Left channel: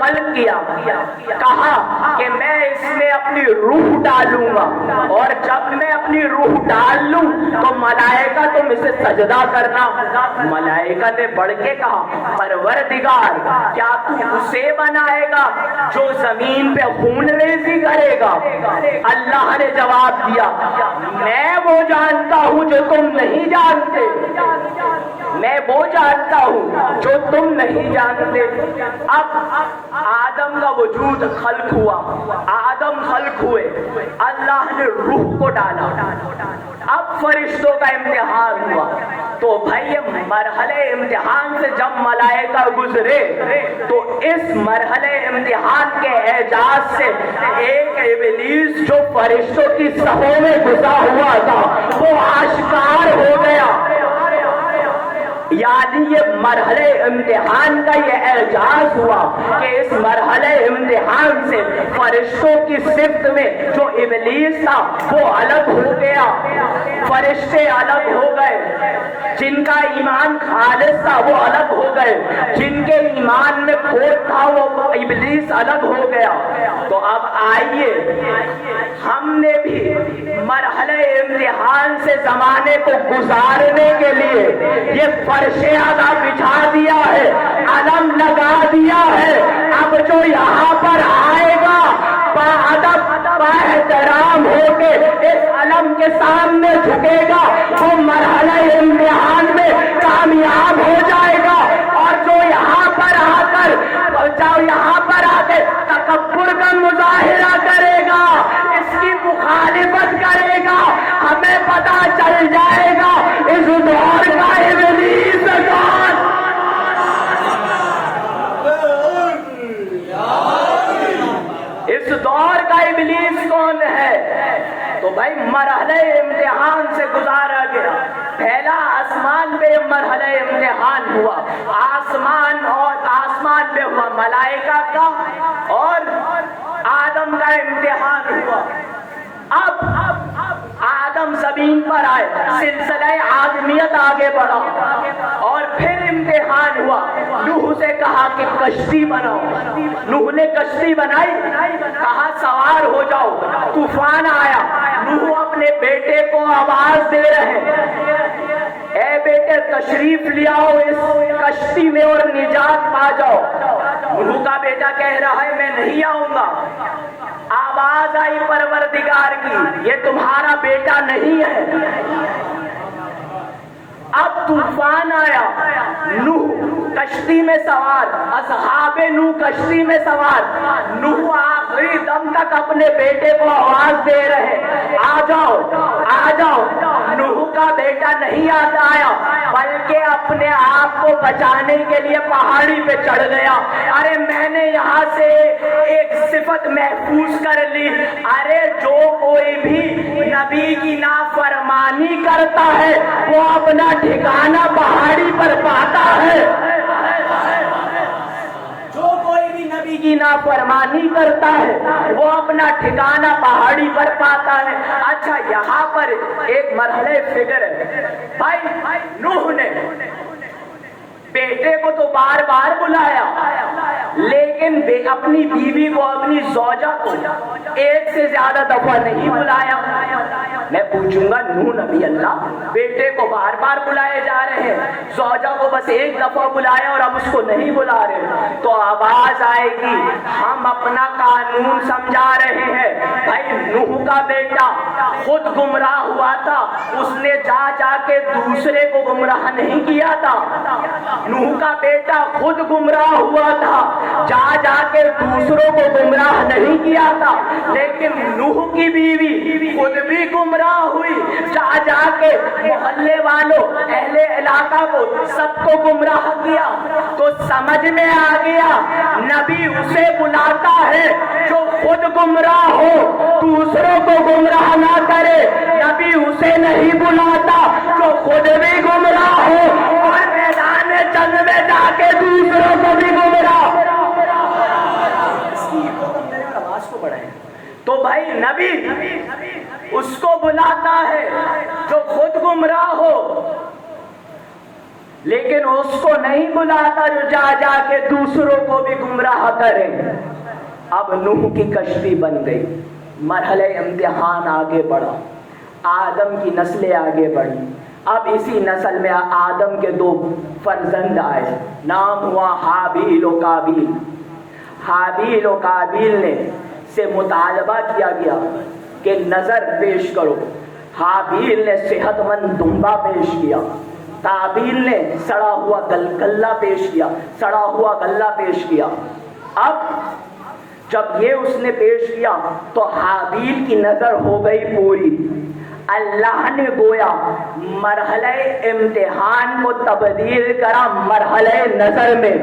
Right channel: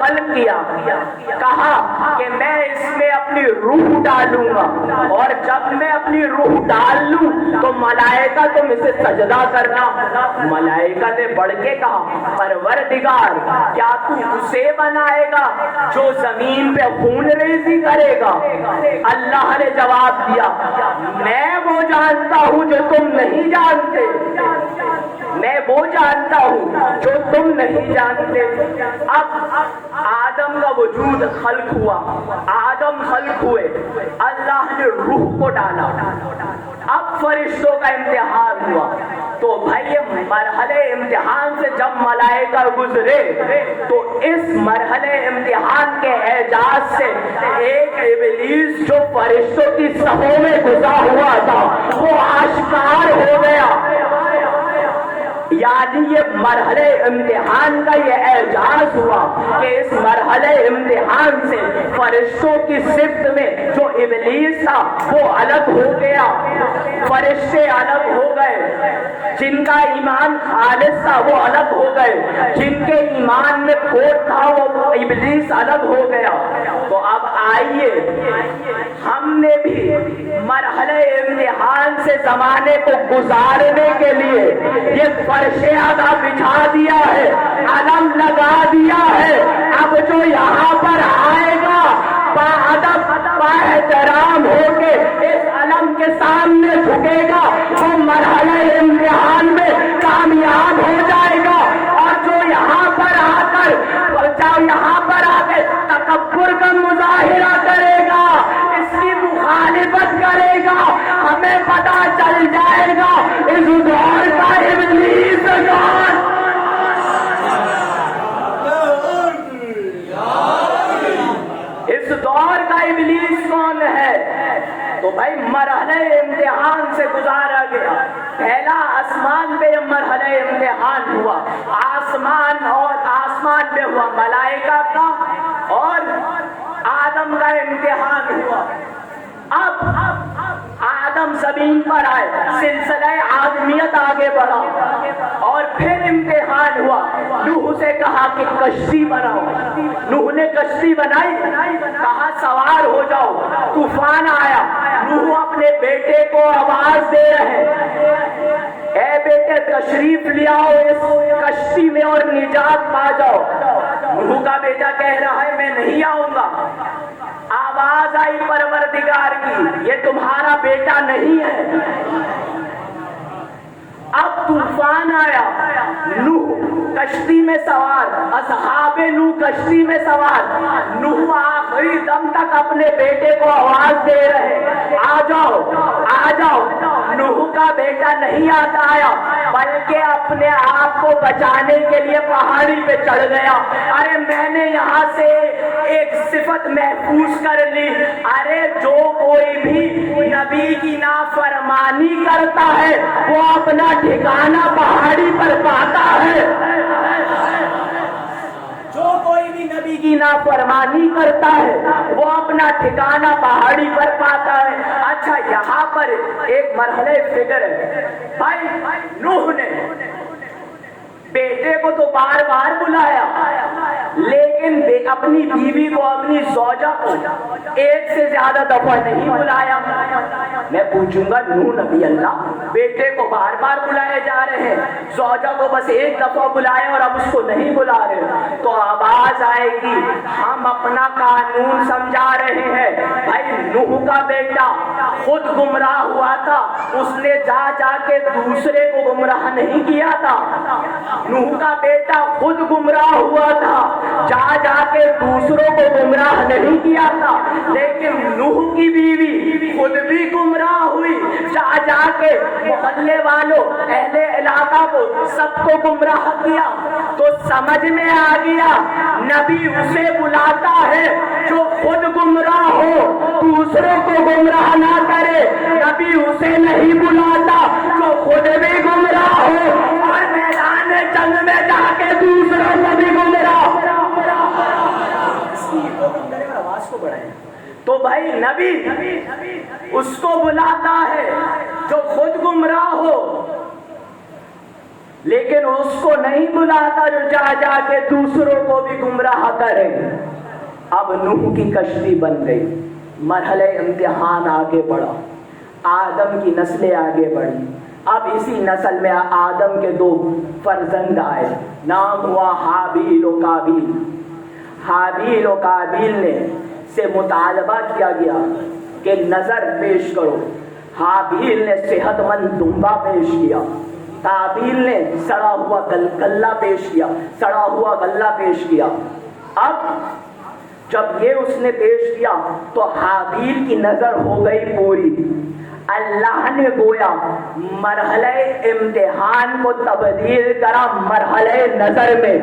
خلق کیا، کہا کہ میں اس میں اپنی روح ڈالوں گا، اور جب میں اپنی روح ڈال لوں تو ملائکہ تم اسے سجدہ کرنا۔ ملائکہ نے بڑھ کے کہا پروردگار کیا تو اسے بنائے گا جو زمین پہ خون ریزی کرے گا؟ اللہ نے جواب دیا میں وہ جانتا ہوں جو تم نہیں جانتے، میں وہ جانتا ہوں جو تم نہیں جانتے۔ اب آدم کا وجود خلق ہوا، آدم خلق ہوئے، اللہ نے روح کو ڈالا، اب فرشتوں کا امتحان ہوا۔ تو بھائی مرحلے امتحان سے جب ملائکہ گزرے تو اس مرحلے امتحان کے اعجاز سے ایک ابلیس جو فرشتوں کی صفوں میں گزرا ہوا تھا وہ آشکار ہو گیا۔ یعنی یہ مرحلے امتحان کا یہ اعجاز ہوا کہ اس مرحلے امتحان سے فرشتوں کی صفت میں جو ابلیس تھا وہ الگ ہو گیا، فرشتے الگ ہو گئے، جن کا ایمان خالص تھا وہ الگ ہو گئے، جن کے ایمان میں کھوٹ تھا وہ ابلیس الگ ہو گیا۔ تو اب آئیے ہم نے بھی مرحلہ امتحان سے زمانے کو گزارنے کے لیے یہ فرشیں بچھا دیا ہے، علم لگا دیا ہے۔ اب جو یہاں پر آئے گا ادب احترام ہو کے اس علم کے سامنے جھکے گا وہ مرحلہ امتحان میں کامیاب ہو جائے گا، اور جو یہاں پر آ کر تکبر کا مظاہرہ کرے گا، اس کی مخالفت کرے گا، ہمیں پتہ چل جائے گا اس دور کا ابلیس اس دور کا ابلیس کون ہے۔ تو بھائی مرحلہ امتحان سے گزارا گیا، پہلا آسمان پہ مرحلہ امتحان ہوا، آسمان پہ ہوا ملائکہ کا اور آدم کا امتحان ہوا۔ اب آدم زمین پر آئے، سلسلہ آدمیت آگے بڑھا، اور پھر امتحان ہوا۔ نوح سے کہا کہ کشتی بناؤ، نوح نے کشتی بنائی، کہا سوار ہو جاؤ، طوفان آیا، نوح اپنے بیٹے کو آواز دے رہے اے بیٹے تشریف لے آؤ اس کشتی میں اور نجات پا جاؤ۔ نوح کا بیٹا کہہ رہا ہے میں نہیں آؤں گا۔ آواز آئی پروردگار کی یہ تمہارا بیٹا نہیں ہے۔ اب طوفان آیا، نوح کشتی میں سوار، اصحاب نوح کشتی میں سوار، نوح آخری دم تک اپنے بیٹے کو آواز دے رہے آ جاؤ آ جاؤ۔ نوح کا بیٹا نہیں آیا بلکہ اپنے آپ کو بچانے کے لیے پہاڑی پہ چڑھ گیا۔ ارے میں نے یہاں سے ایک صفت محفوظ کر لی، ارے جو کوئی بھی نبی کی نافرمانی کرتا ہے وہ اپنا ٹھکانہ پہاڑی پر پاتا ہے، جو کوئی بھی نبی کی نافرمانی کرتا ہے وہ اپنا ٹھکانہ پہاڑی پر پاتا ہے۔ اچھا یہاں پر ایک مرحلہ فکر ہے، بھائی نوح نے بیٹے کو تو بار بار بلایا لیکن اپنی بیوی کو اپنی زوجہ کو ایک سے زیادہ دفعہ نہیں بلایا۔ میں پوچھوں گا نوح نبی اللہ بیٹے کو بار بار بلائے جا رہے ہیں، زوجہ کو بس ایک دفعہ بلایا اور اب اس کو نہیں بلا رہے، تو آواز آئے گی ہم اپنا قانون سمجھا رہے ہیں۔ بھائی نوح کا بیٹا خود گمراہ ہوا تھا، اس نے جا جا کے دوسرے کو گمراہ نہیں کیا تھا۔ نوح کا بیٹا خود گمراہ ہوا تھا، جا جا کے دوسروں کو گمراہ نہیں کیا تھا، لیکن نوح کی بیوی خود بھی گمراہ ہوئی، جا جا کے محلے والوں اہل علاقہ کو سب کو گمراہ کیا۔ تو سمجھ میں آ گیا نبی اسے بلاتا ہے جو خود گمراہ ہو، دوسروں کو گمراہ نہ کرے۔ نبی اسے نہیں بلاتا جو خود بھی گمراہ ہو اور میدان جنگ میں جا کے دوسروں کو بھی گمراہ۔ آواز کو بڑھائیں۔ تو بھائی نبی اس کو بلاتا ہے جو خود گمراہ ہو، لیکن اس کو نہیں بلاتا جو جا جا کے دوسروں کو بھی گمراہ کرے۔ اب نوح کی کشتی بن گئی، مرحلہ امتحان آگے بڑھا، آدم کی نسلیں آگے بڑھی۔ اب اسی نسل میں آدم کے 2 فرزند آئے، نام ہوا حابیل و قابیل۔ حابیل و قابیل نے سے مطالبہ کیا گیا کہ نظر پیش کرو۔ حابیل نے صحت مند دمبا پیش کیا، قابیل نے سڑا ہوا غلہ پیش کیا، سڑا ہوا غلہ پیش کیا۔ اب جب یہ اس نے پیش کیا تو حابیل کی نظر ہو گئی پوری۔ اللہ نے گویا مرحلہ امتحان کو تبدیل کرا مرحلہ نظر میں،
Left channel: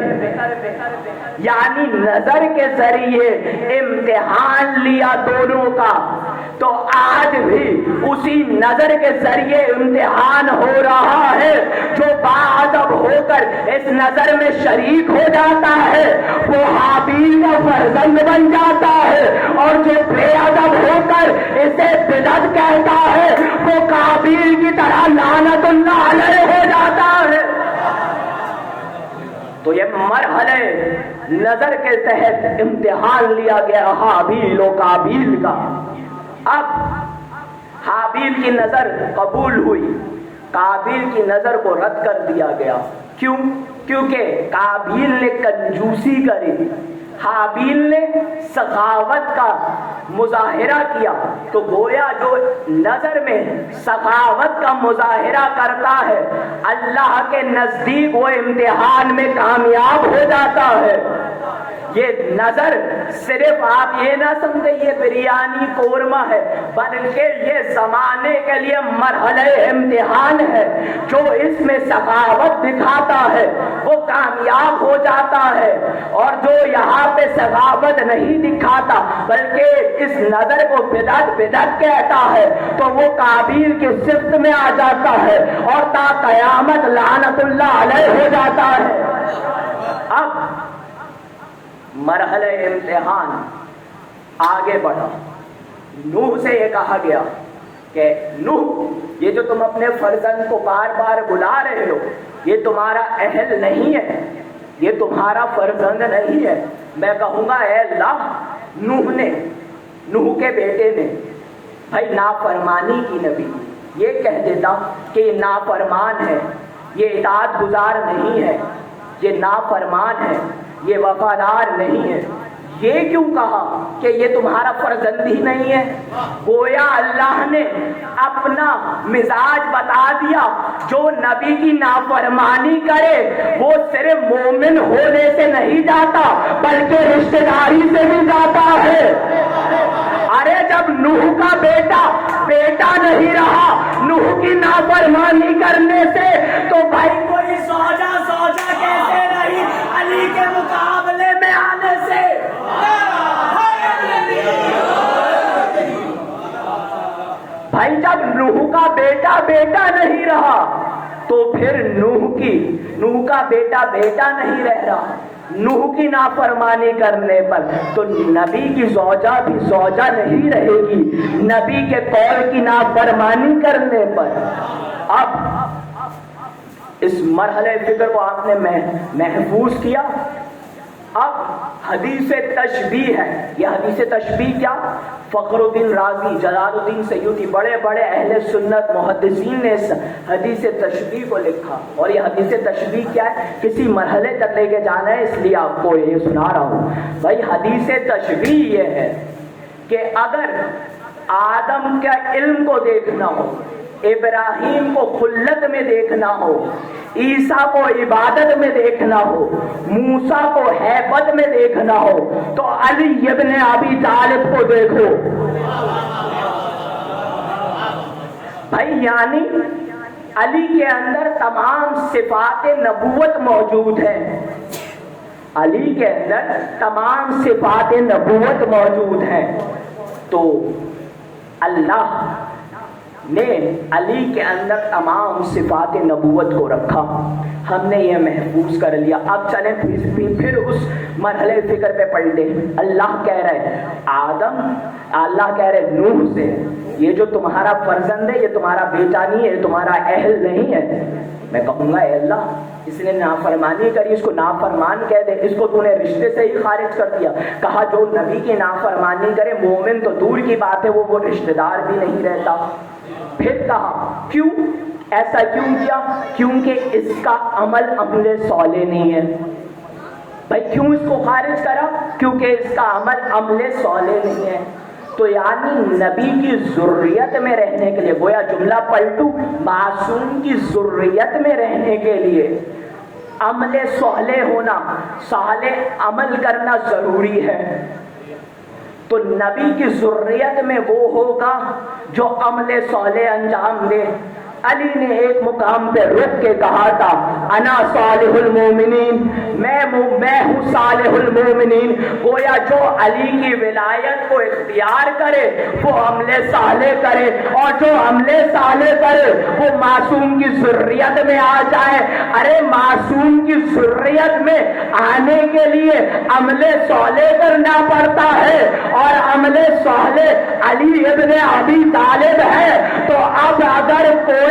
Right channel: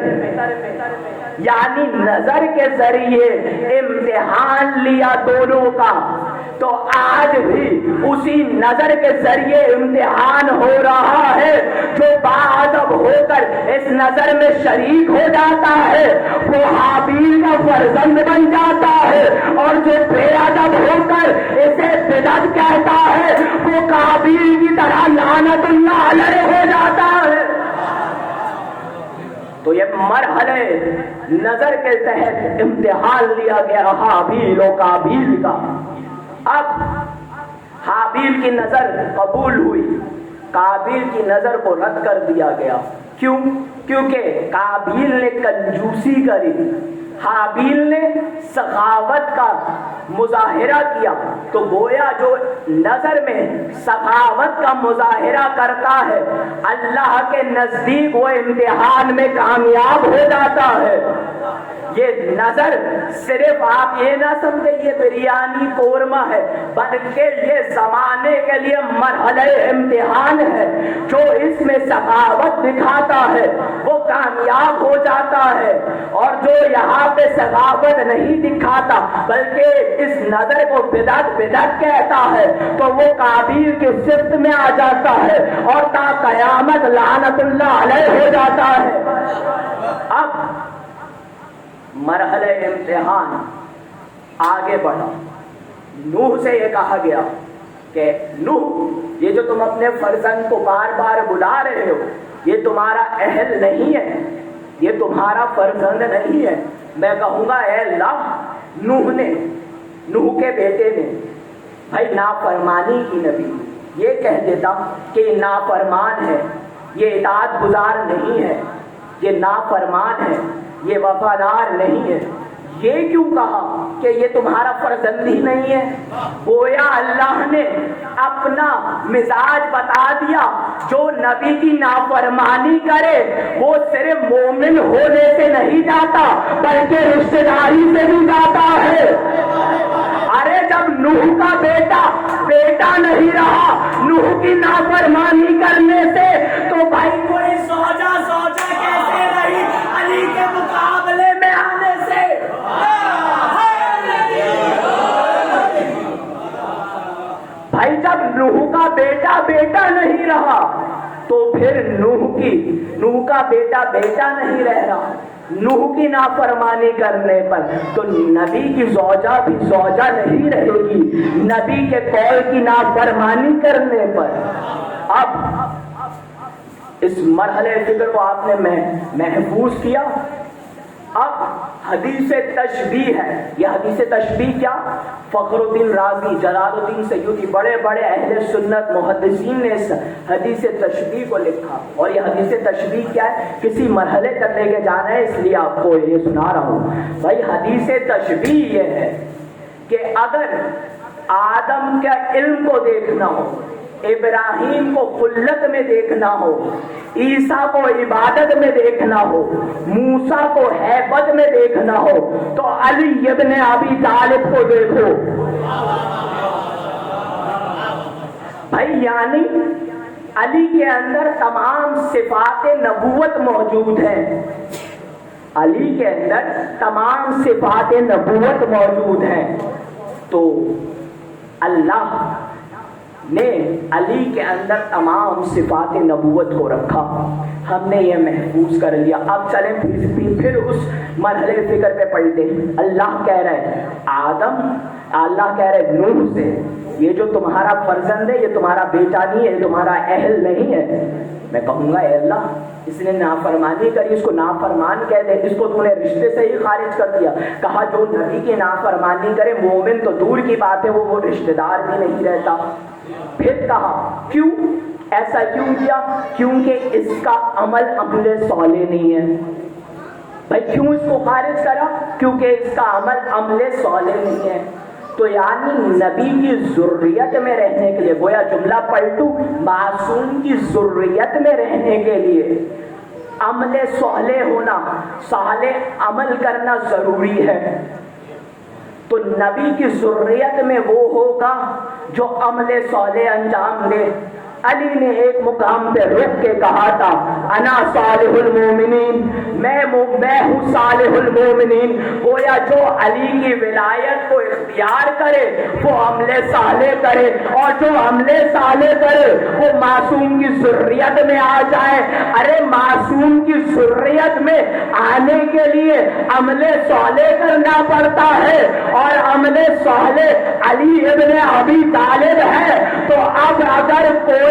یعنی نظر کے ذریعے امتحان لیا دونوں کا۔ تو آج بھی اسی نظر کے ذریعے امتحان ہو رہا ہے۔ جو باادب ہو کر اس نظر میں شریک ہو جاتا ہے وہ حابیل کا فرزند بن جاتا ہے، اور جو بے ادب ہو کر اسے بدعت کہتا ہے وہ قابیل کی طرح لعنت اللہ علیہ ہو جاتا ہے۔ تو یہ مرحلے نظر کے تحت امتحان لیا گیا حابیل و قابیل کا۔ اب حابیل کی نظر قبول ہوئی، قابیل کی نظر کو رد کر دیا گیا۔ کیوں؟ کیونکہ قابیل نے کنجوسی کری، حابیل نے سخاوت کا مظاہرہ کیا۔ تو گویا جو نظر میں سخاوت کا مظاہرہ کرتا ہے اللہ کے نزدیک وہ امتحان میں کامیاب ہو جاتا ہے۔ یہ نظر صرف آپ یہ نہ سمجھے یہ بریانی قورمہ ہے، بلکہ یہ زمانے کے لیے مرحلہ امتحان ہے۔ جو اس میں سخاوت دکھاتا ہے وہ کامیاب ہو جاتا ہے، اور جو یہاں پہ سخاوت نہیں دکھاتا بلکہ اس نظر کو بدعت کہتا ہے تو وہ قابیل کی صفت میں آ جاتا ہے اور تا قیامت لعنت اللہ علیہ ہو جاتا ہے۔ اب مرحلہ امتحان آگے بڑھا، نوح سے یہ کہا گیا کہ نوح یہ جو تم اپنے فرزند کو بار بار بلا رہے ہو یہ تمہارا اہل نہیں ہے، یہ تمہارا فرزند نہیں ہے۔ میں کہوں گا اے اللہ، نوح کے بیٹے نے بھائی نافرمانی کی نبی، یہ کہہ دیتا کہ یہ نافرمان ہے، یہ اطاعت گزار نہیں ہے، یہ نافرمان ہے، یہ وفادار نہیں ہے۔ یہ کیوں کہا کہ یہ تمہارا فرزند ہی نہیں ہے؟ گویا اللہ نے اپنا مزاج بتا دیا، جو نبی کی نافرمانی کرے وہ صرف مومن ہونے سے نہیں جاتا بلکہ رشتہ داری سے بھی جاتا ہے۔ ارے جب نوح کا بیٹا نہیں رہا نوح کی نافرمانی کرنے سے تو بھائی کوئی سوجا کیسے رہی علی کے مقابلے میں آنے سے؟ بھائی جب نوح کا بیٹا نہیں رہا تو پھر نوح کا بیٹا نہیں رہ رہا۔ نوح کی نافرمانی کرنے پر تو نبی کی زوجہ بھی زوجہ نہیں رہے گی، نبی کے قول کی نافرمانی کرنے پر۔ اب اس مرحلے فکر کو آپ نے محفوظ کیا۔ اب حدیث تشبیہ ہے، یہ حدیث تشبیہ کیا؟ فخر الدین رازی، جلال الدین سیوطی، بڑے بڑے اہل سنت محدثین نے اس حدیث تشبیہ کو لکھا۔ اور یہ حدیث تشبیہ کیا ہے؟ کسی مرحلے تک لے کے جانا ہے، اس لیے آپ کو یہ سنا رہا ہوں۔ بھائی حدیث تشبیہ یہ ہے کہ اگر آدم کا علم کو دیکھنا ہو، ابراہیم کو خلت میں دیکھنا ہو، عیسیٰ کو عبادت میں دیکھنا ہو، موسیٰ کو ہیبت میں دیکھنا ہو تو علی ابن ابی طالب کو دیکھو۔ بھائی یعنی علی کے اندر تمام صفات نبوت موجود ہیں، علی کے اندر تمام صفات نبوت موجود ہیں۔ تو اللہ نے علی کے اندر تمام صفات نبوت کو رکھا، ہم نے یہ محفوظ کر لیا۔ اب چلیں پھر اس مرحلے فکر پہ پلٹے. اللہ کہہ رہے آدم، اللہ کہہ رہے نوح سے یہ جو تمہارا فرزند ہے یہ تمہارا بیٹا نہیں ہے، یہ تمہارا اہل نہیں ہے. میں کہوں گا اے اللہ اس نے نافرمانی کری، اس کو نافرمان کہہ دے، اس کو تو نے رشتے سے ہی خارج کر دیا. کہا جو نبی کی نافرمانی کرے مومن تو دور کی بات ہے وہ رشتہ دار بھی نہیں رہتا. پھر کہا کیوں ایسا کیوں کیا؟ کیونکہ اس کا عمل صالح نہیں ہے. بھائی کیوں اس کو خارج کرا؟ کیونکہ اس کا عمل صالح نہیں ہے. تو یعنی نبی کی ذریت میں رہنے کے لیے، گویا جملہ پلٹو، معصوم کی ذریت میں رہنے کے لیے عمل صالح ہونا، صالح عمل کرنا ضروری ہے. تو نبی کی ذریت میں وہ ہوگا جو عمل صالح انجام دے. علی نے ایک مقام پہ رک کے کہا تھا انا صالح المومنین، میں ہوں صالح المومنین. گویا جو علی کی ولایت کو اختیار کرے وہ عمل صالح کرے، اور جو عمل صالح کرے وہ معصوم کی ذریت میں آ جائے. ارے معصوم کی ذریت میں آنے کے لیے عمل صالح کرنا پڑتا ہے، اور عمل صالح علی ابن ابی طالب ہے. تو اب اگر کوئی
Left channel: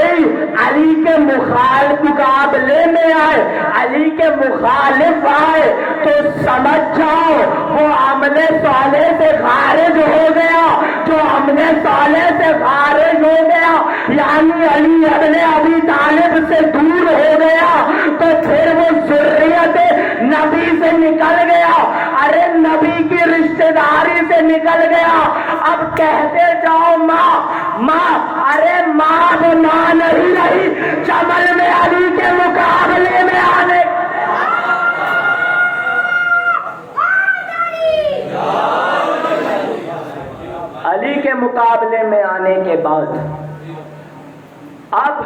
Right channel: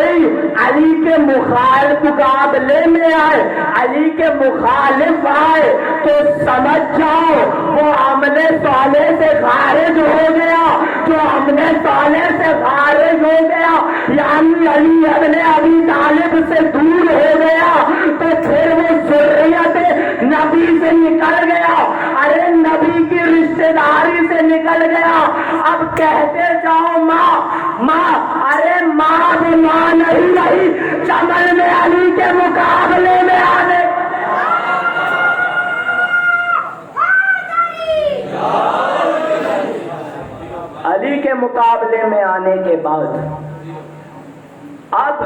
علی کے مخالف مقابلے میں آئے، علی کے مخالف آئے، تو سمجھ جاؤ وہ عمل صالح سے خارج ہو گیا. جو عمل صالح سے خارج ہو گیا یعنی علی اپنے ابی طالب سے دور ہو گیا، تو پھر وہ ذریت نبی سے نکل گیا. ارے نبی کی رشتہ داری سے نکل گیا. اب کہتے جاؤ ماں ماں، ارے ماں وہ نام نہیں رہی چمن میں علی کے مقابلے میں آنے. علی کے مقابلے میں آنے کے بعد اب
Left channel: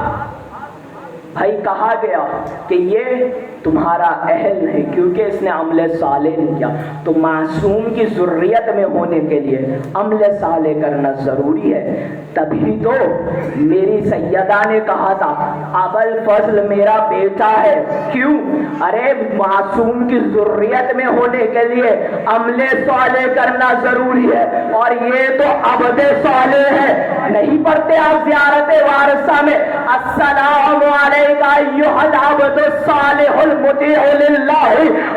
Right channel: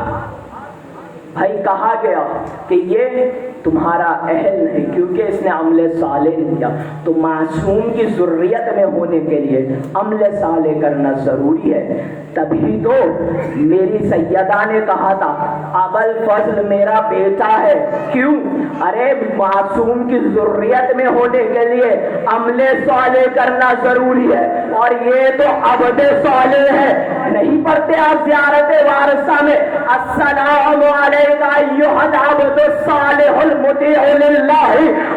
بھائی کہا گیا کہ یہ تمہارا اہل نہیں کیونکہ اس نے عمل صالح نہیں کیا. تو معصوم کی ذریت میں ہونے کے لیے عمل صالح کرنا ضروری ہے. تبھی تو میری سیدہ نے کہا تھا ابوالفضل میرا بیٹا ہے. کیوں؟ ارے معصوم کی ذریت میں ہونے کے لیے عمل صالح کرنا ضروری ہے، اور یہ تو عبد صالح ہے. نہیں پڑھتے آپ زیارت وارثہ میں السلام علیکہ ایھا العبد الصالح المطیع للہ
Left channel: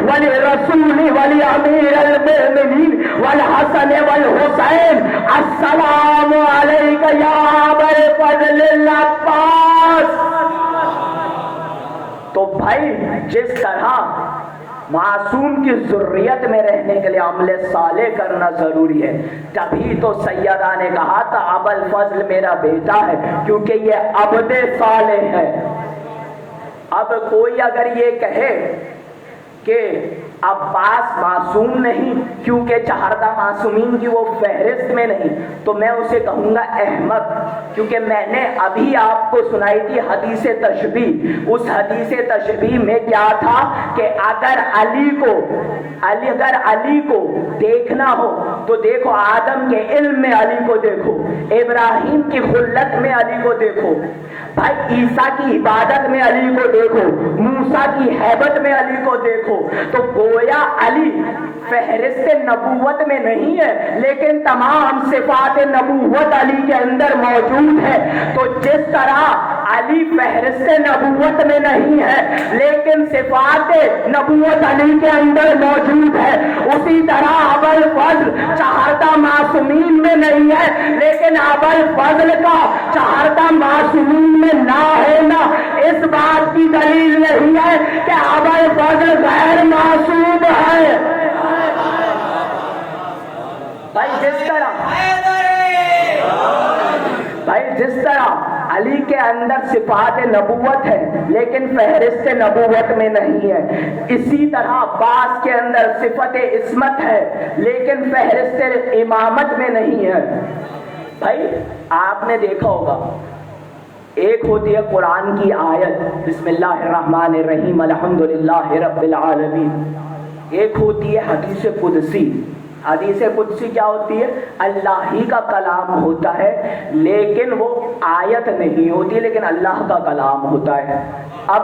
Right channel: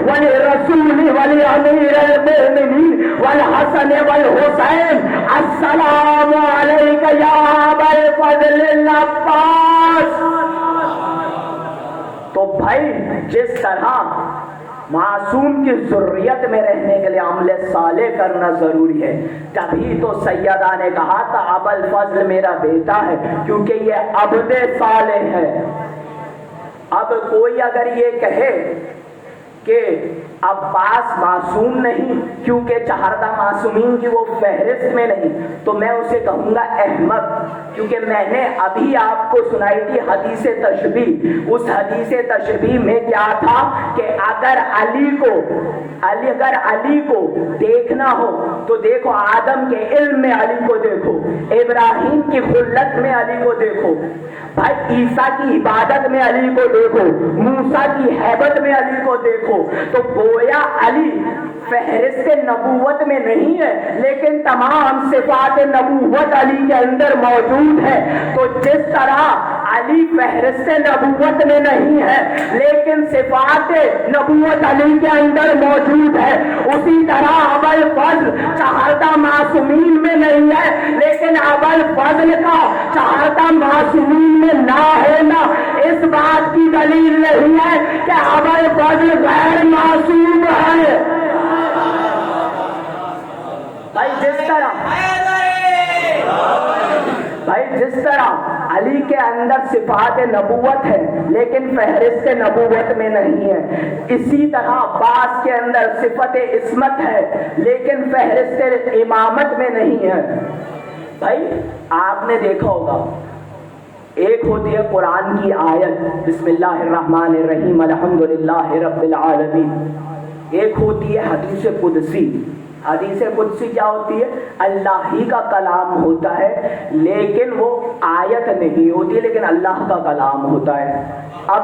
ولرسولہ ولامیر المؤمنین والحسن والحسین السلام علیکہ یا ابا الفضل العباس. تو بھائی جس طرح معصوم کی ذریت میں رہنے کے لیے عمل صالح کرنا ضروری ہے، تبھی تو سیدہ نے کہا تھا ابوالفضل میرا بیٹا ہے کیونکہ یہ عبد صالح ہے. اب کوئی اگر یہ کہے کہ عباس معصوم نہیں کیونکہ چہاردہ معصومین کی وہ فہرست میں نہیں، تو میں اسے کہوں گا احمق. کیونکہ میں نے ابھی آپ کو سنائی تھی حدیث تشبیہ. اس حدیث تشبیہ میں کیا تھا کہ اگر علی کو دیکھنا ہو تو دیکھو آدم کے علم میں علی کو دیکھو، ابراہیم کی خلت میں علی کو دیکھو، بھائی عیسیٰ کی عبادت میں علی کو دیکھو، موسیٰ کی ہیبت میں علی کو دیکھو. تو گویا علی فہرست نبوت میں نہیں ہے لیکن تمام صفات نبوت علی کے اندر موجود ہے. تو جس طرح علی فہرست نبوت میں نہیں ہے لیکن صفات نبوت علی کے اندر موجود ہے، اسی طرح ابوالفضل چہاردہ معصومین میں نہیں ہے لیکن ابوالفضل کا چہاردہ معصومین میں نہ ہونا اس بات کی دلیل نہیں ہے کہ ابوالفضل غیر معصوم ہے. جس طرح علی کے اندر صفات نبوت ہے لیکن فہرست نبوت میں نہیں ہے، اسی طرح عباس کے اندر صفت عصمت ہے لیکن فہرست امامت میں نہیں ہے. بھائی آپ نے دیکھا ہوگا ایک ہوتی ہے قرآن کی آیت بسم اللہ الرحمن الرحیم الحمدللہ رب العالمین، ایک ہوتی ہے حدیث قدسی. حدیث قدسی کیا ہوتی ہے؟ اللہ ہی کا کلام ہوتا ہے لیکن وہ آیت نہیں ہوتی لیکن اللہ کا کلام ہوتا ہے. اب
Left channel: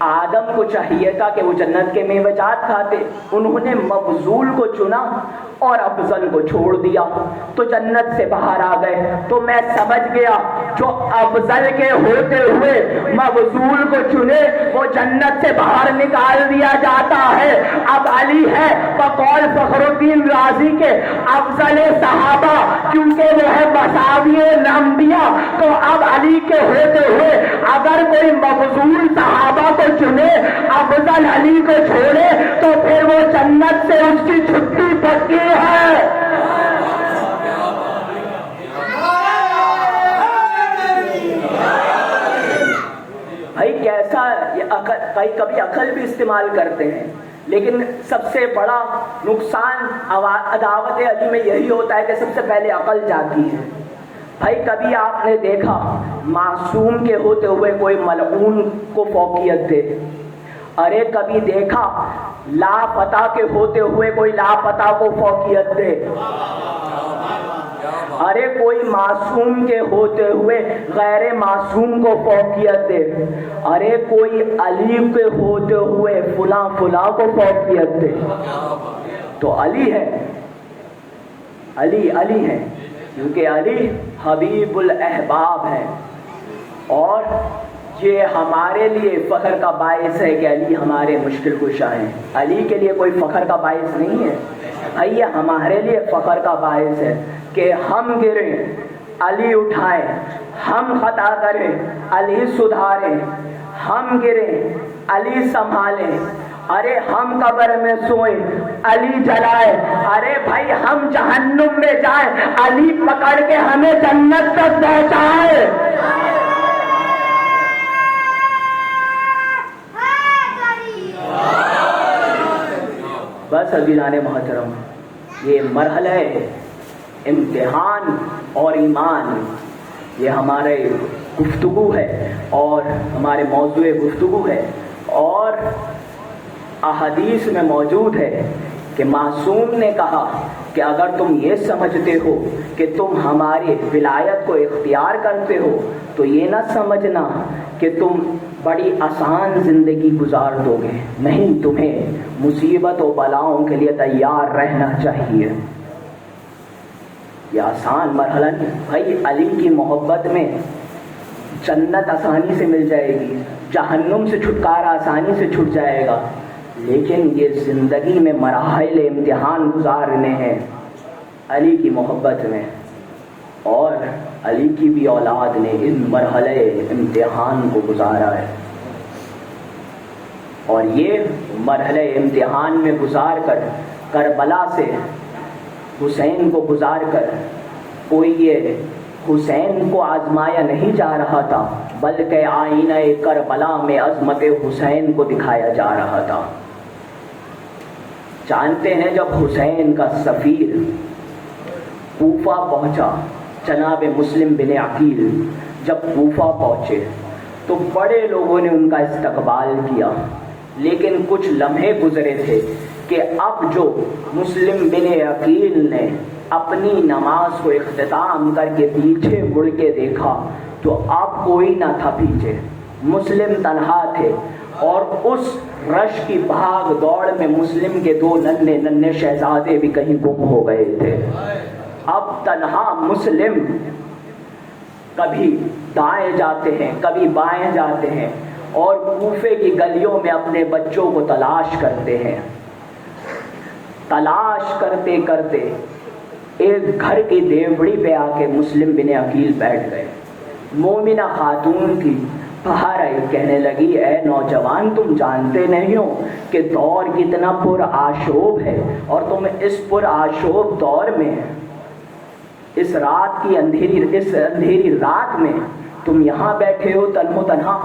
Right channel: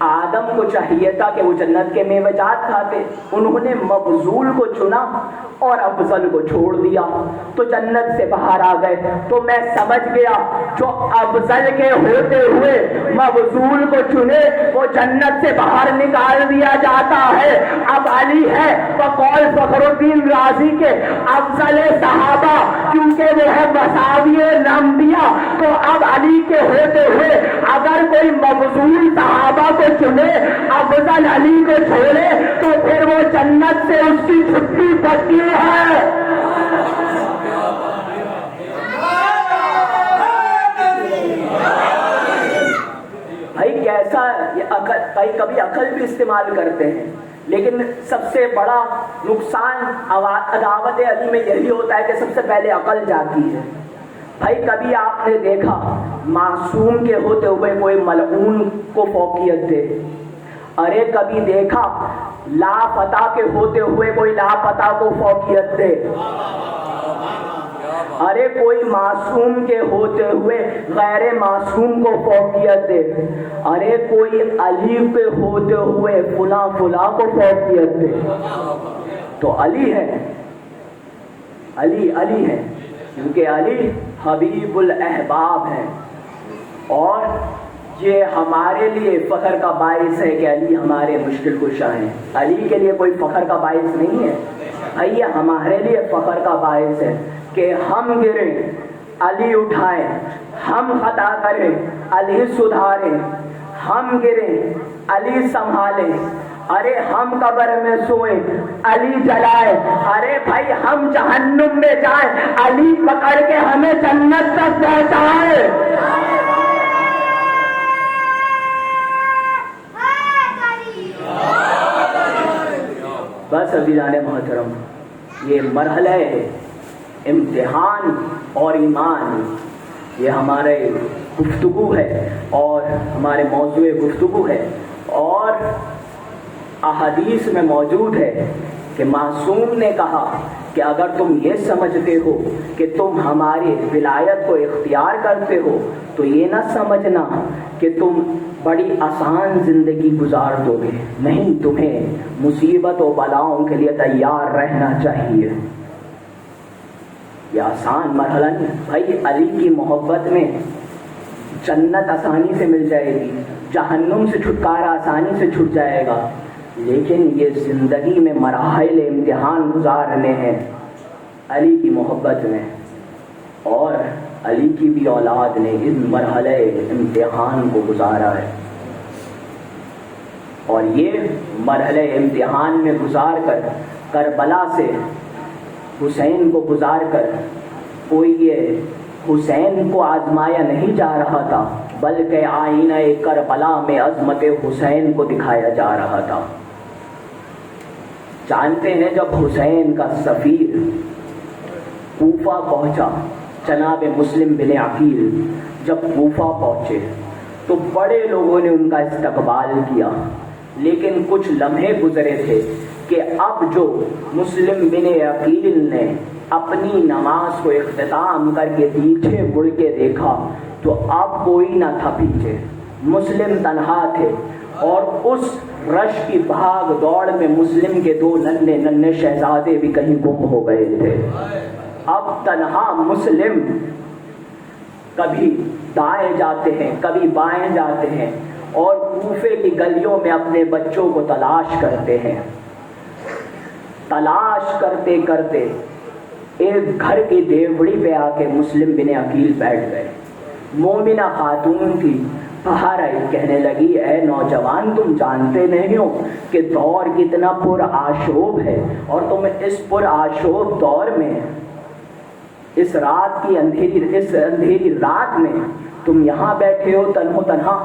آدم کو چاہیے تھا کہ وہ جنت کے میوجات کھاتے، انہوں نے مفضول کو چنا اور افضل کو چھوڑ دیا تو جنت سے باہر آ گئے۔ تو میں سمجھ گیا جو افضل کے ہوتے ہوئے مفضول کو چنے وہ جنت سے باہر نکال دیا جاتا ہے۔ اب علی ہے تو قول فخر الدین رازی کے افضل صحابہ کیونکہ وہ ہے مساوی الانبیاء، تو اب علی کے ہوتے ہوئے اگر کوئی مفضول صحابہ کو چنے افضل علی کو چھوڑے تو پھر وہ جنت سے اس کی چھٹی پکی ہے۔ بھائی کیسا یہ عقل، بھائی کبھی عقل بھی استعمال کرتے ہیں لیکن سب سے بڑا نقصان عداوت علی میں یہی ہوتا ہے کہ سب سے پہلے عقل جاتی ہے۔ بھائی کبھی آپ نے دیکھا معصوم کے ہوتے ہوئے کوئی ملعون کو فوقیت دے؟ ارے کبھی دیکھا لاپتہ کے ہوتے ہوئے کوئی لاپتہ کو فوقیت دے؟ ارے کوئی معصوم کے ہوتے ہوئے غیر معصوم کو فوقیت دے؟ ارے کوئی علی کے ہوتے ہوئے فلاں فلاں کو فوقیت دے؟ تو علی ہے، علی علی ہے کیونکہ علی حبیب الاحباب ہے، اور یہ ہمارے لیے فخر کا باعث ہے کہ علی ہمارے مشکل کشا ہیں۔ علی کے لیے کوئی فخر کا باعث نہیں ہے بھائی، یہ ہمارے لیے فخر کا باعث ہے کہ ہم گریں علی اٹھائیں، ہم خطا کریں علی سدھاریں، ہم گریں علی سنبھالیں، ارے ہم قبر میں سوئیں علی جلائے، ارے بھائی ہم جہنم میں جائیں علی پکڑ کے ہمیں جنت تک پہنچائے۔ بس عزیزان محترم، یہ مرحلہ امتحان اور ایمان یہ ہمارے گفتگو ہے اور ہمارے موضوع گفتگو ہے، اور احادیث میں موجود ہے کہ معصوم نے کہا کہ اگر تم یہ سمجھتے ہو کہ تم ہماری ولایت کو اختیار کرتے ہو تو یہ نہ سمجھنا کہ تم بڑی آسان زندگی گزار دو گے، نہیں، تمہیں مصیبت و بلاؤں کے لیے تیار رہنا چاہیے۔ یہ آسان مرحلہ نہیں بھائی، علی کی محبت میں جنت آسانی سے مل جائے گی، جہنم سے چھٹکارا آسانی سے چھٹ جائے گا، لیکن یہ زندگی میں مراحل امتحان گزارنے ہیں علی کی محبت میں، اور علی کی بھی اولاد نے اس مرحلے امتحان کو گزارا ہے، اور یہ مرحلے امتحان میں گزار کر کربلا سے حسین کو گزار کر کوئی یہ حسین کو آزمایا نہیں جا رہا تھا بلکہ آئینہ کربلا میں عظمت حسین کو دکھایا جا رہا تھا۔ جانتے ہیں جب حسین کا سفیر کوفہ پہنچا، جناب مسلم بن عقیل جب کوفہ پہنچے تو بڑے لوگوں نے ان کا استقبال کیا، لیکن کچھ لمحے گزرے تھے کہ اب جو مسلم بن عقیل نے اپنی نماز کو اختتام کر کے پیچھے مڑ کے دیکھا تو اب کوئی نہ تھا پیچھے، مسلم تنہا تھے، اور اس رش کی بھاگ دوڑ میں مسلم کے دو ننھے ننھے شہزادے بھی کہیں گم ہو گئے تھے۔ اب تنہا مسلم کبھی دائیں جاتے ہیں کبھی بائیں جاتے ہیں، اور کوفے کی گلیوں میں اپنے بچوں کو تلاش کرتے ہیں۔ تلاش کرتے کرتے ایک گھر کی دیوڑی پہ آ کے مسلم بن عقیل بیٹھ گئے۔ مومنہ خاتون کی باہر آئی، کہنے لگی اے نوجوان، تم جانتے نہیں ہو کہ دور کتنا پر آشوب ہے، اور تم اس پر آشوب دور میں اس رات کی اندھیری رات میں تم یہاں بیٹھے ہو تنہو تنہا۔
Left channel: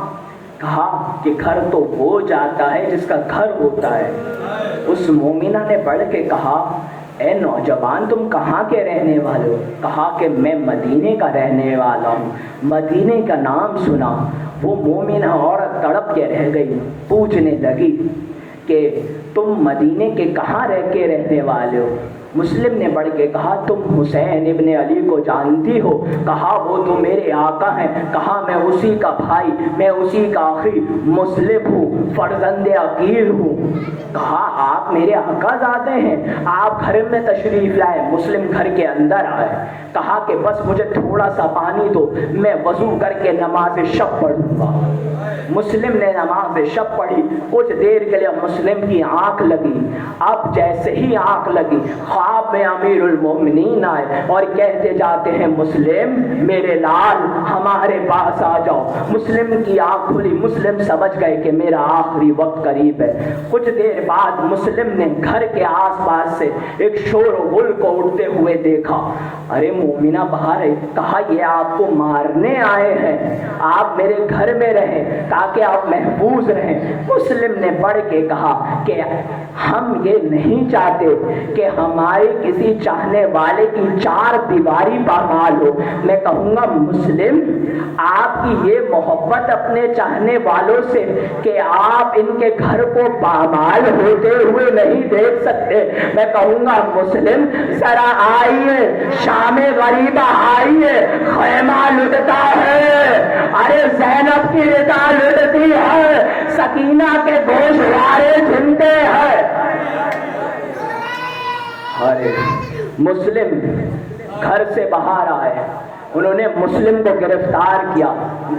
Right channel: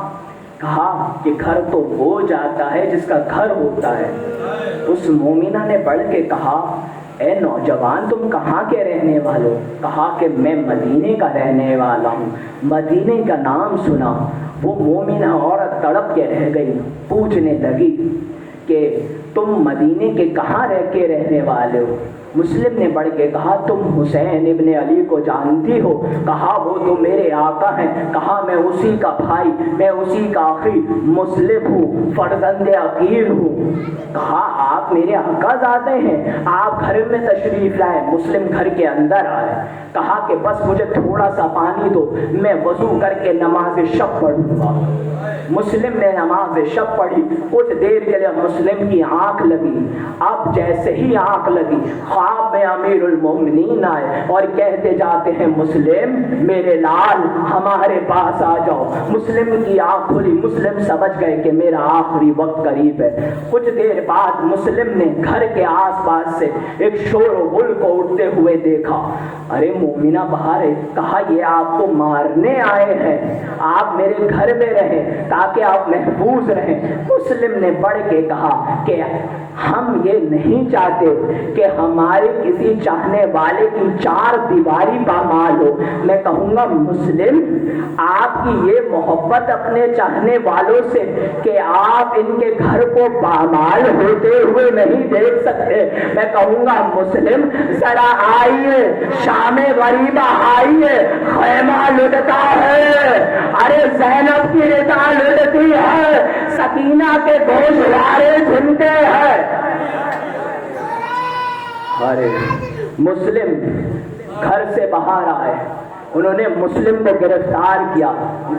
کہا کہ گھر تو وہ جاتا ہے جس کا گھر ہوتا ہے۔ اس مومنہ نے بڑھ کے کہا اے نوجوان، تم کہاں کے رہنے والے ہو؟ کہا کہ میں مدینے کا رہنے والا ہوں۔ مدینے کا نام سنا، وہ مومنہ عورت تڑپ کے رہ گئی، پوچھنے لگی کہ تم مدینے کے کہاں رہ کے رہنے والے ہو؟ مسلم نے بڑھ کے کہا تم حسین ابن علی کو جانتی ہو؟ کہا وہ تو میرے آقا ہیں۔ کہا میں اسی کا بھائی، میں اسی کا آخری مسلم ہوں، فرزند عقیل ہوں۔ کہا آپ میرے آقا زادے ہیں، آپ گھر میں تشریف لائے۔ مسلم گھر کے اندر آئے، کہا کہ بس مجھے تھوڑا سا پانی دو، میں وضو کر کے نماز شب پڑھوں گا۔ مسلم نے نماز شب پڑھی، کچھ دیر کے لیے مسلم کی آنکھ لگی۔ اب جیسے ہی آنکھ لگی، خواب میں امیر المومنین آئے اور کہتے جاتے ہیں مسلم میرے لال ہمارے پاس آ جاؤ۔ مسلم کی آنکھ کھلی، مسلم سمجھ گئے کہ میرا آخری وقت قریب ہے۔ کچھ دیر بعد مسلم نے گھر کے آس پاس سے ایک شور و غل کو اٹھتے ہوئے دیکھا۔ ارے مومنہ باہر ہے، کہا یہ آپ کو مارنے آئے ہیں، آپ میرے گھر میں رہیں تاکہ آپ محفوظ رہیں۔ مسلم نے بڑھ کے کہا کہ ہم یہ نہیں چاہتے کہ ہمارے کسی چاہنے والے کی چار دیواری پامال ہو۔ میں کہوں گا مسلم آپ کی یہ محبت اپنے چاہنے والوں سے کہ آپ ان کے گھر کو پامال ہوتے ہوئے نہیں دیکھ سکتے۔ میں کہوں گا مسلم ذرا آئیے، شام غریبہ آئیے، خیمہ لٹتا ہے، ارے زینب کی رضا لٹتی ہے، سکینہ کے گوشت یارے جھمتے ہیں۔ ارے مسلم گھر سے باہر آئے، انہوں نے مسلم کو گرفتار کیا،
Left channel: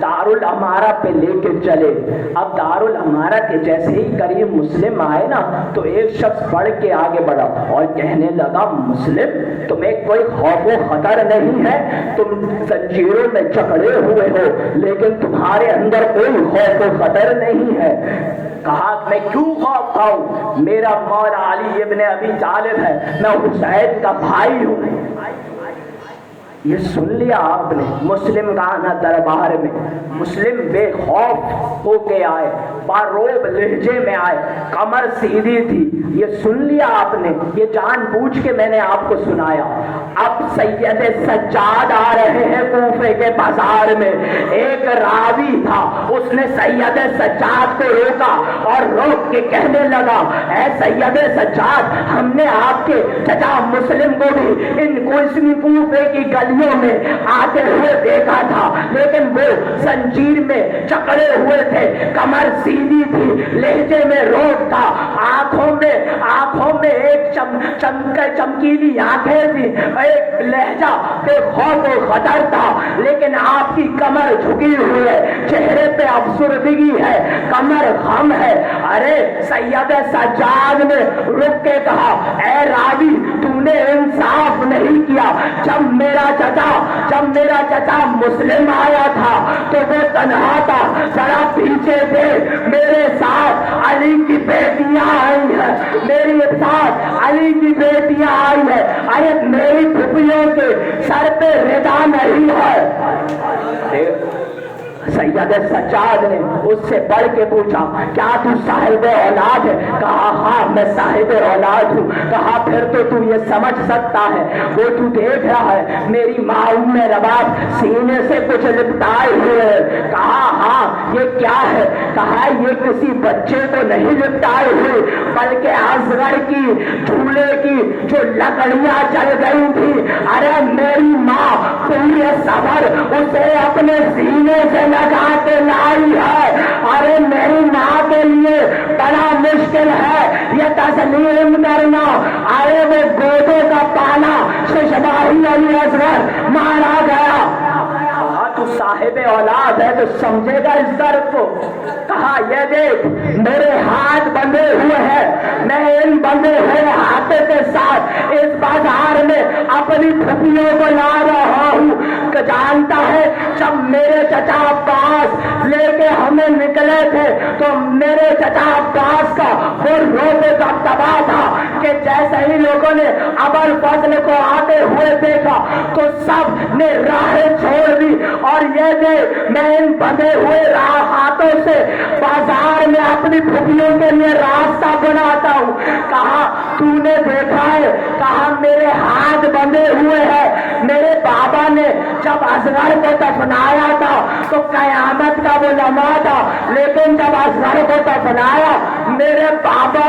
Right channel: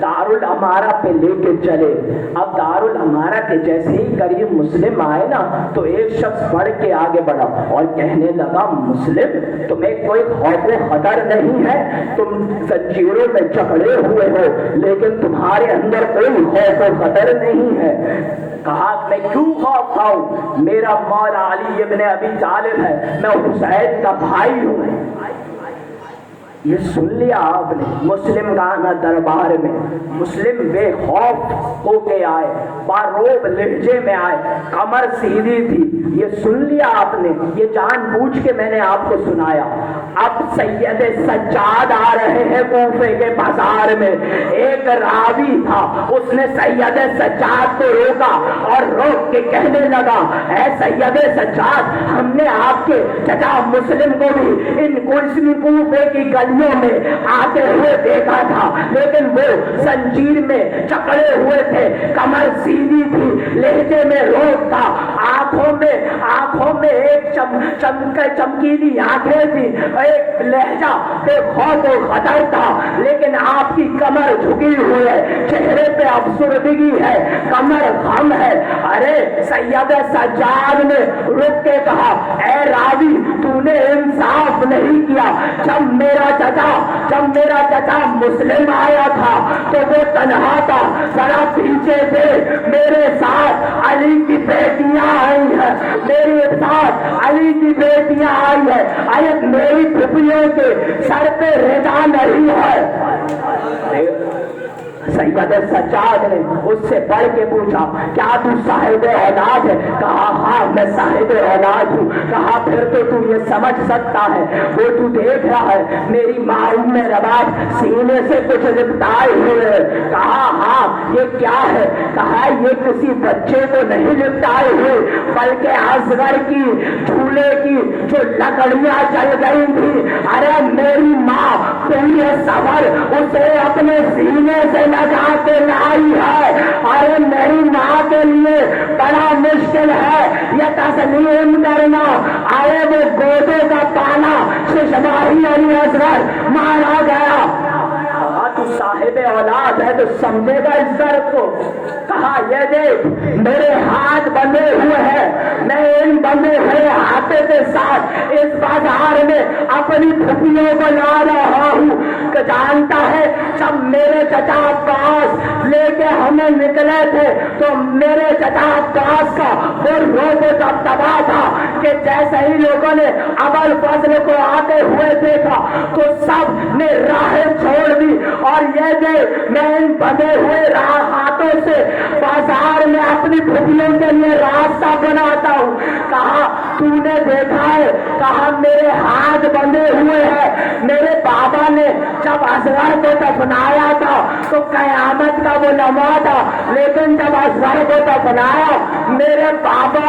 دارالامارہ پہ لے کے چلے۔ اب دارالامارہ کے جیسے ہی قریب مسلم آئے نا تو ایک شخص بڑھ کے آگے بڑھا اور کہنے لگا مسلم تمہیں کوئی خوف و خطر نہیں ہے، تم زنجیروں میں جکڑے ہوئے ہو لیکن تمہارے اندر کوئی خوف و خطر نہیں ہے۔ کہا میں کیوں خوف کھاؤں، میرا مولا علی ابن ابی طالب ہے، میں حسین کا بھائی ہوں۔ یہ سن لیا آپ نے، مسلم کا آنا دربار میں۔ مسلم بے خوف ہو کے آئے، باروب لہجے میں آئے، کمر سیدھی تھی۔ یہ سن لیا آپ نے، یہ جان بوجھ کے میں نے آپ کو سنایا۔ اب سید سجاد آ رہے ہیں کوفے کے بازار میں، ایک راوی تھا، اس نے سید سجاد کو روکا اور روک کے کہنے لگا اے سید سجاد ہم نے آپ کے چچا مسلم کو بھی ان کوفے کی گلیوں میں آتے ہوئے دیکھا تھا، لیکن وہ زنجیر میں جکڑے ہوئے تھے، کمر سیدھی تھی، لہجے میں روک تھا، آنکھوں میں ایک چمکیلی آنکھیں تھی، ایک لہجہ بے خوف و خطر تھا، لیکن آپ کی کمر جھکی ہوئی ہے، چہرے پہ افسردگی ہے، کمر خم ہے۔ ارے سید سجاد نے رک کے کہا اے راوی تو نے انصاف نہیں کیا، جب میرا چچا مسلم آیا تھا تو وہ تنہا تھا، ذرا پیچھے سے میرے ساتھ علی کی بیٹیاں آئی ہیں، میرے ساتھ علی کی بیٹیاں آئی ہیں، ارے میری پھپھیوں کے سر پہ رضا نہیں ہے۔ سید سجاد نے اس سے پڑھ کے پوچھا کیا تو صاحب اولاد ہے؟ کہا ہاں میں صاحب اولاد ہوں۔ کہا پھر تو یہ سمجھ سکتا ہے، وہ تو دیکھ رہا ہے میری ماں ام رباب سینے سے کچھ لپٹائے ہوئے۔ کہا ہاں یہ کیا ہے؟ کہا یہ کسی بچے کو نہیں لپٹائے ہوئے بلکہ اصغر کی جھولے کی جو لکڑیاں جل گئی تھی، ارے میری ماں پورے سفر اسے اپنے سینے سے لگا کے لائی ہے، اور میری ماں کے لیے بڑا مشکل ہے یہ تسلیم کرنا، آئے میں گودے کا تالا ششداری علی اصغر مارا گیا۔ تو صاحب اولاد ہے تو سمجھے گا اس درد کو۔ کہا یہ دیکھ میرے ہاتھ بندھے ہوئے ہیں، میں ان بندھے ہوئے ہاتھوں کے ساتھ اس بازار میں اپنی پھپھیوں کو لا رہا ہوں۔ جانتا ہے جب میرے چچا عباس لے کے ہمیں نکلے تھے تو میرے چچا عباس کا وہ روزے کا تباہ تھا کہ جیسے ہی لوگوں نے ابو الفضل کو آتے ہوئے دیکھا تو سب نے راہ چھوڑ دی، اور یہ جو میں ان بندے ہوئے ہاتھوں سے بازار میں اپنی پھپھیوں کے لیے راستہ بناتا ہوں۔ کہا تو نے دیکھا ہے؟ کہا میرے ہاتھ بندھے ہوئے ہیں، میرے بابا نے جب اصغر کو دفنایا تھا تو قیامت کا وہ لمحہ تھا، لیکن جب اصغر کو دفنایا میرے بابا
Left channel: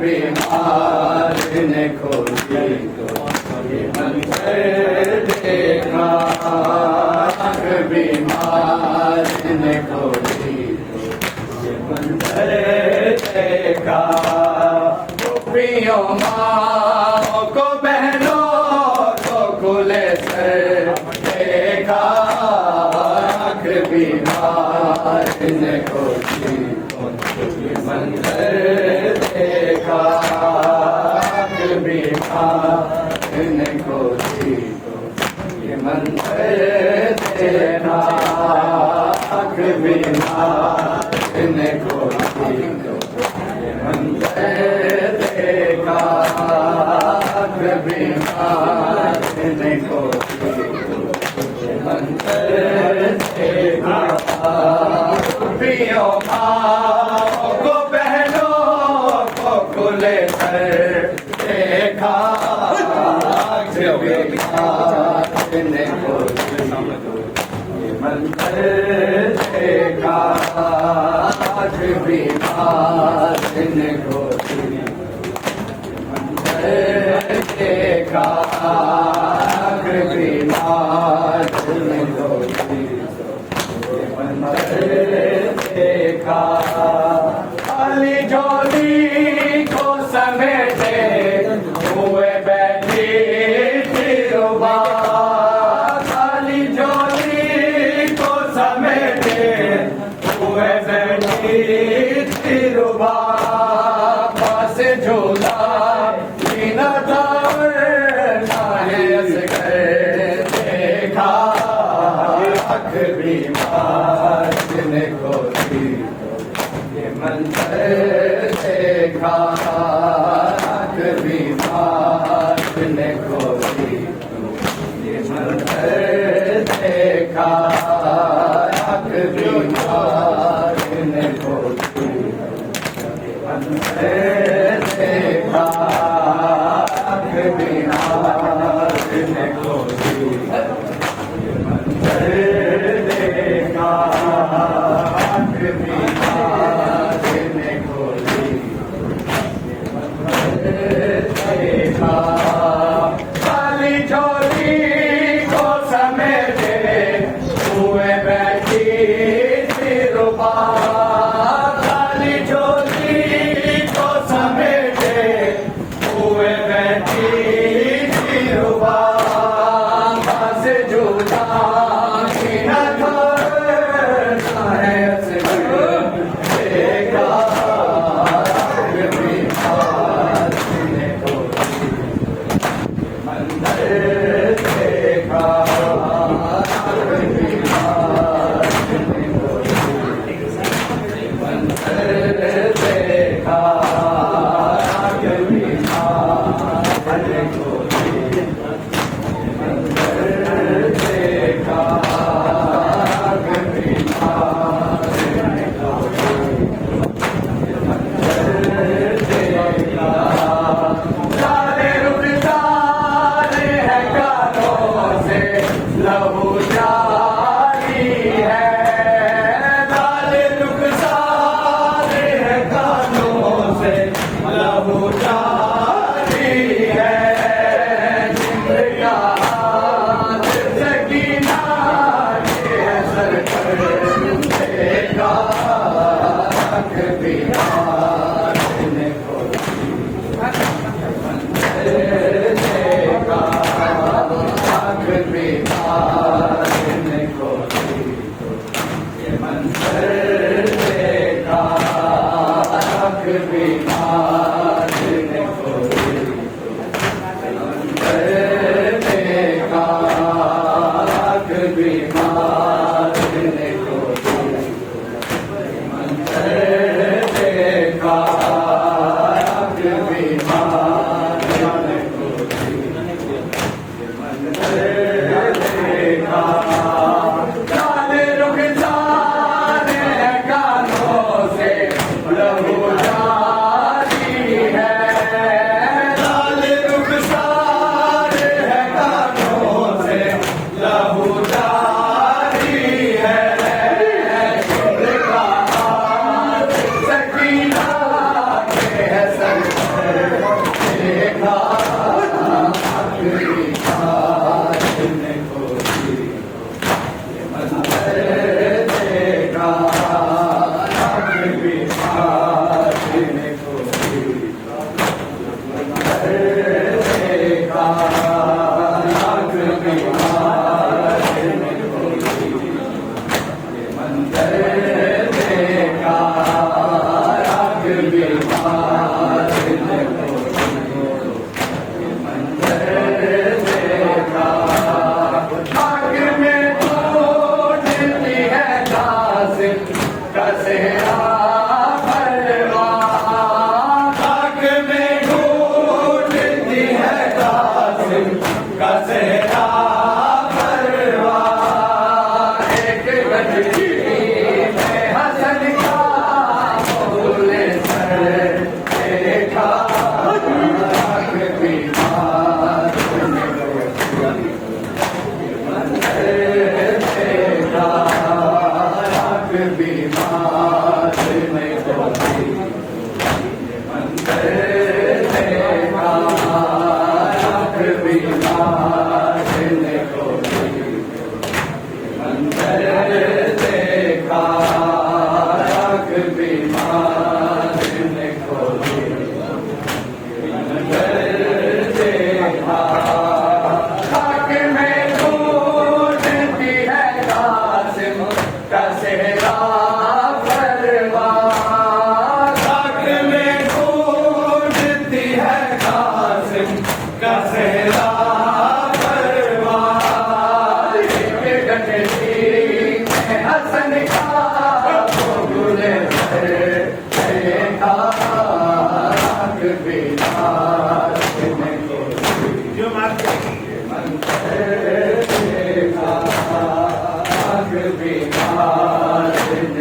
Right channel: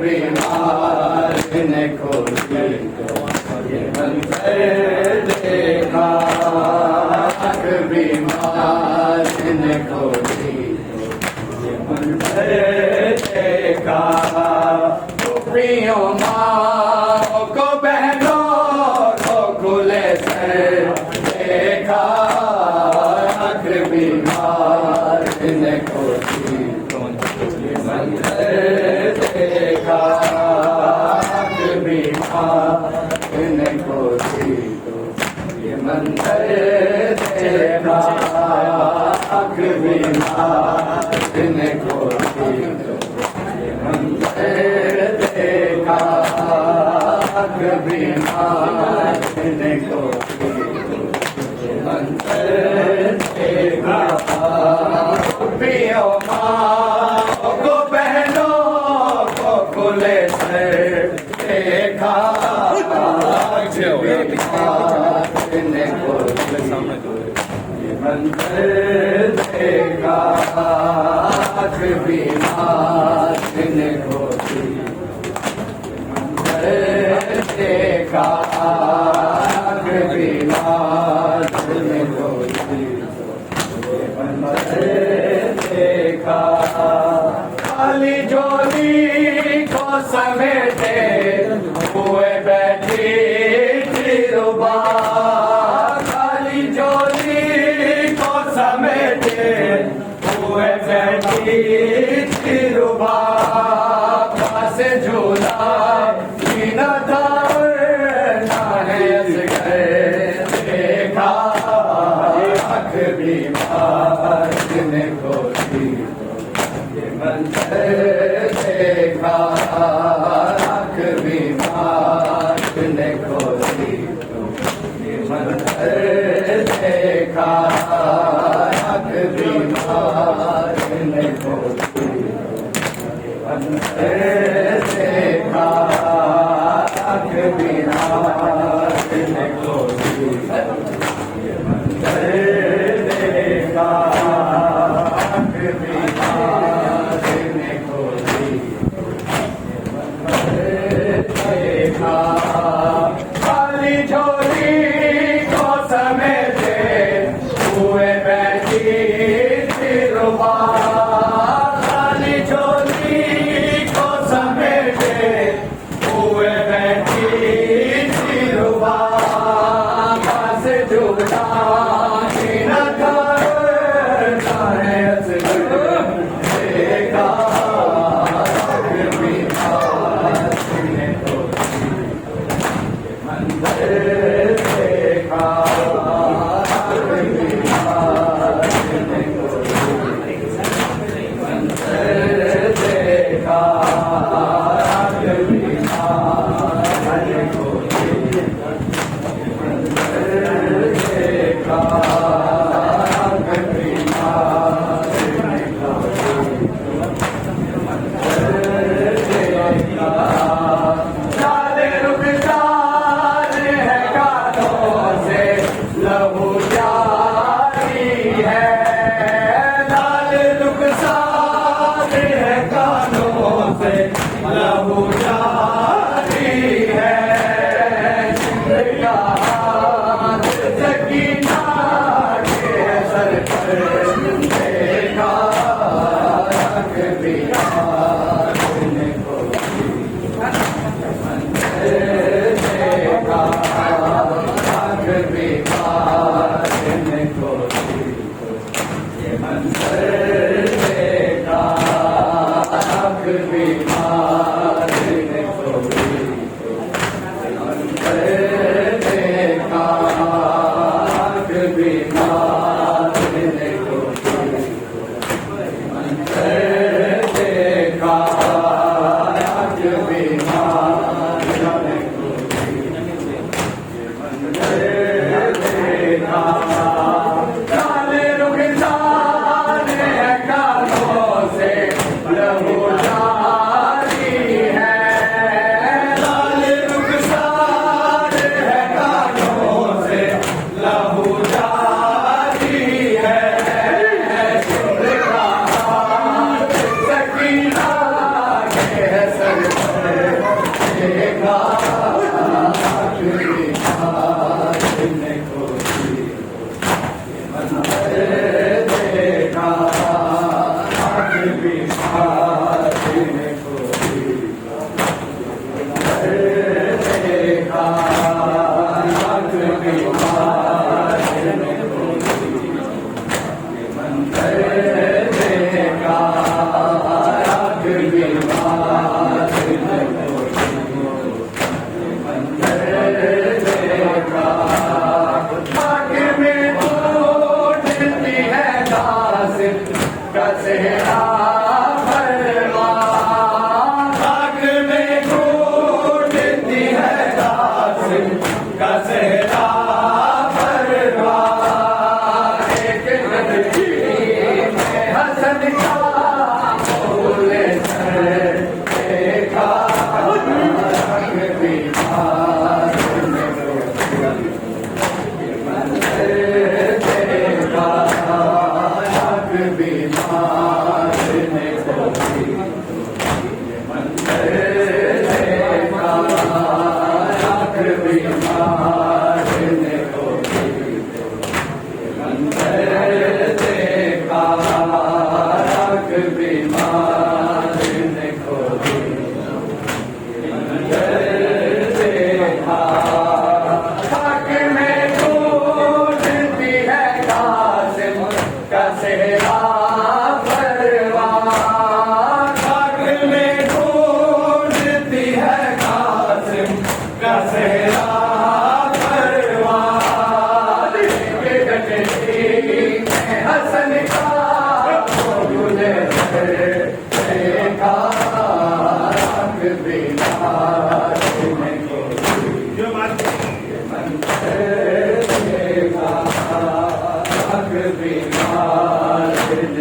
بیمار نے کھولی تو یہ منظر دیکھا، آنکھ بیمار نے کھولی تو یہ منظر دیکھا، پھوپھیوں ماں کو بہنوں کو کھلے سر دیکھا، آنکھ بیمار نے کھولی یہ منظر دیکھا، آنکھ بیمار نے کھولی یہ منظر دیکھا، آنکھ بیمار نے کھولی یہ منظر دیکھا، آنکھ بیمار نے کھولی یہ منظر دیکھا، پھوپھیوں ماں کو بہنوں کو کھلے سر دیکھا، آنکھ بیمار نے کھولی یہ منظر دیکھا، آنکھ بیمار نے کھولی یہ منظر دیکھا، آنکھ بیمار نے کھولی یہ منظر دیکھا، خالی جھولی کو سمیٹے ہوئے بیٹھی دلربا، خالی جھولی کو سمیٹے ہوئے بیٹھی دلربا، پاس جھولا سینہ دار ناز کر دیکھا، آنکھ بیمار نے کھولی یہ منظر دیکھا، آنکھ بیمار نے کھولی یہ منظر دیکھا، آنکھ بیمار نے کھولی یہ منظر دیکھا، آنکھ بیمار نے کھولی یہ منظر دیکھا، آنکھ بیمار نے کھولی یہ منظر دیکھا، خالی جھولی کو سمیٹے ہوئے بیٹھی دلربا، خالی جھولی کو سمیٹے ہوئے بیٹھی دلربا، پاس جھولا سینہ دار ناز کر دیکھا، آنکھ بیمار نے کھولی یہ منظر دیکھا، آنکھ بیمار نے کھولی یہ منظر دیکھا، آنکھ بیمار نے کھولی یہ منظر دیکھا، میں ٹوٹتی ہے قاسم کا صحرا پروان، خاک میں ٹوٹتی ہے قاسم کا صحرا پروان، ایک بدری میں حسن کا پھول سر دیکھا،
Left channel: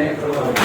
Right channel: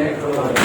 دیکھا